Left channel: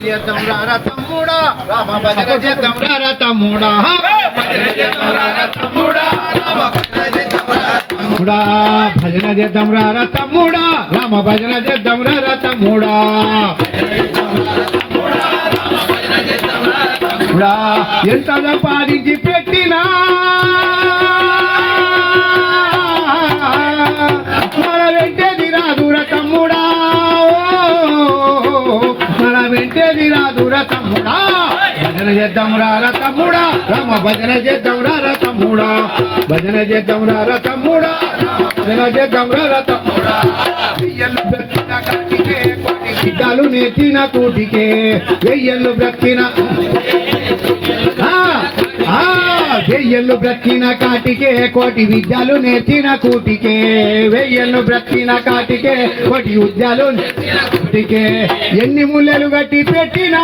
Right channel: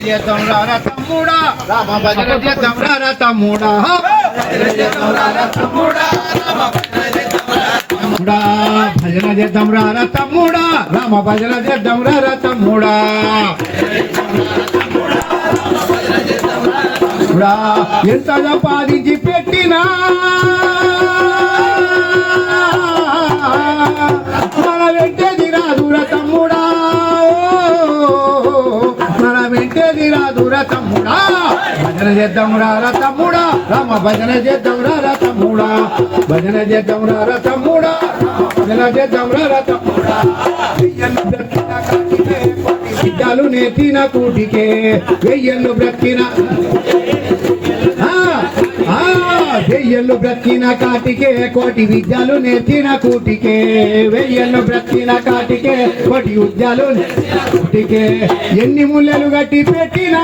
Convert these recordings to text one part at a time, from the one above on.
తమ్ముడా. రామ భజన చేద్దాం తమ్ముడా తమ్ముడా. భజన చేద్దాం రారా తమ్ముడా. రామ భజన చేద్దాం రా తమ్ముడా ఎంత సంపాదించి పెట్టినా రాదురా తమ్ముడా. భజన చేద్దాంరా రారా తమ్ముడా. రామ భజన చేద్దాంరా రారా తమ్ముడా. భజన చేద్దాంరా రారా తమ్ముడా. భజన చేద్దాంరా రారా తమ్ముడా. వెయ్యలు బ్రతిన కాటికే కోటి సిద్ధాలు నేర్చిన కూటికే. వెయ్యలు బ్రతికిన వెయ్యలు బ్రతిన కాటికే కోటి విద్యలు నేర్చిన కూటికే. వెయ్యలు బ్రతిన కాటికే కోటి విద్యలు నేర్చిన కూటికే. ఎన్ని ముళ్ళలు గట్టి పెట్టినా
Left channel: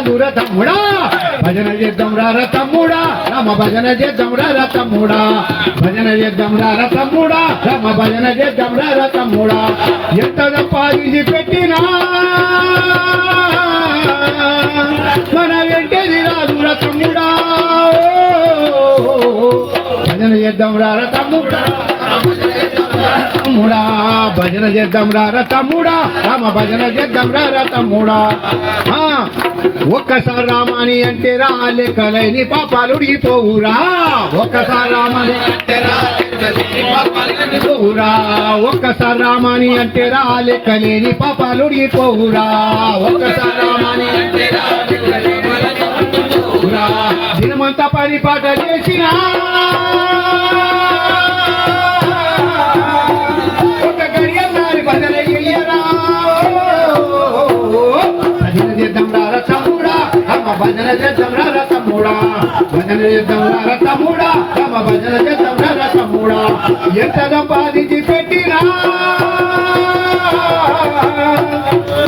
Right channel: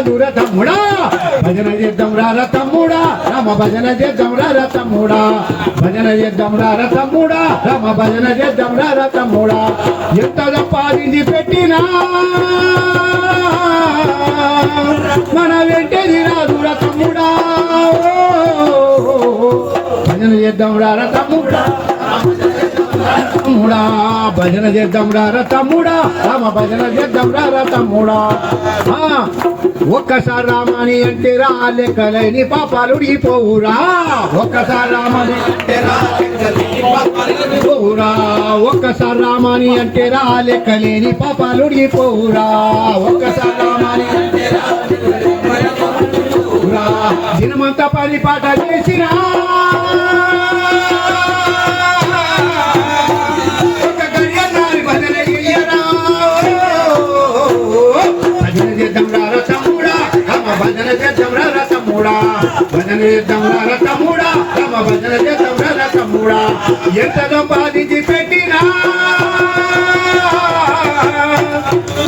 వెంటేది తమ్ముడా భజన చేద్దాం రార తమ్ముడా రామ భజన చేద్దాం రార తమ్ముడా భజన చేద్దాం రార తమ్ముడా రామ భజన చేద్దాం రార తమ్ముడా ఎంత సంపాదించి పెట్టినా. మన వెంటది రాదుర తమ్ముడా భజన చేద్దాం రార తమ్ముడా తమ్ముడా భజన చేద్దాం రారా తమ్ముడా రామ భజన చేద్దాం రారా తమ్ముడా ఒక్కసారి రామాని అంటే రా లెక్కలేని పాపాలు పోవురా ఒక్కసారి రామని అంటే రా లెక్కలేని పోవురా ఒక్కసారి రామాని అంటే రా లెక్కలేని పాపాలు పోవురా ఒక్కసారి రామాని అంటే రా దినమంతా పని పాట చేసినా భజన చేద్దాం రసమూడా భజన చేద్దాం రసమూడా తమ్ముడా రామ భజన చేద్దాం రసమూడా ఎంత సంపాదించి పెట్టినా?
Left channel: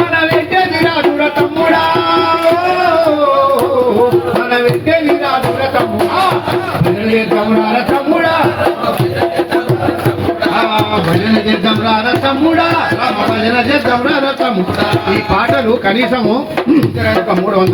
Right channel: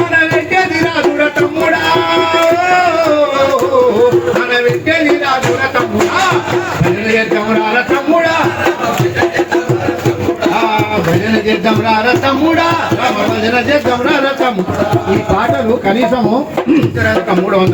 మన వెంటేది రాదురా తమ్ముడా మన వెంటేది రాదురా తమ్ముడా భజన చేద్దాం రారా భజన చేద్దాం రారా రామ భజన చేద్దాం రారా ఈ పాటలు కనీసము ఒక మూడు వందలు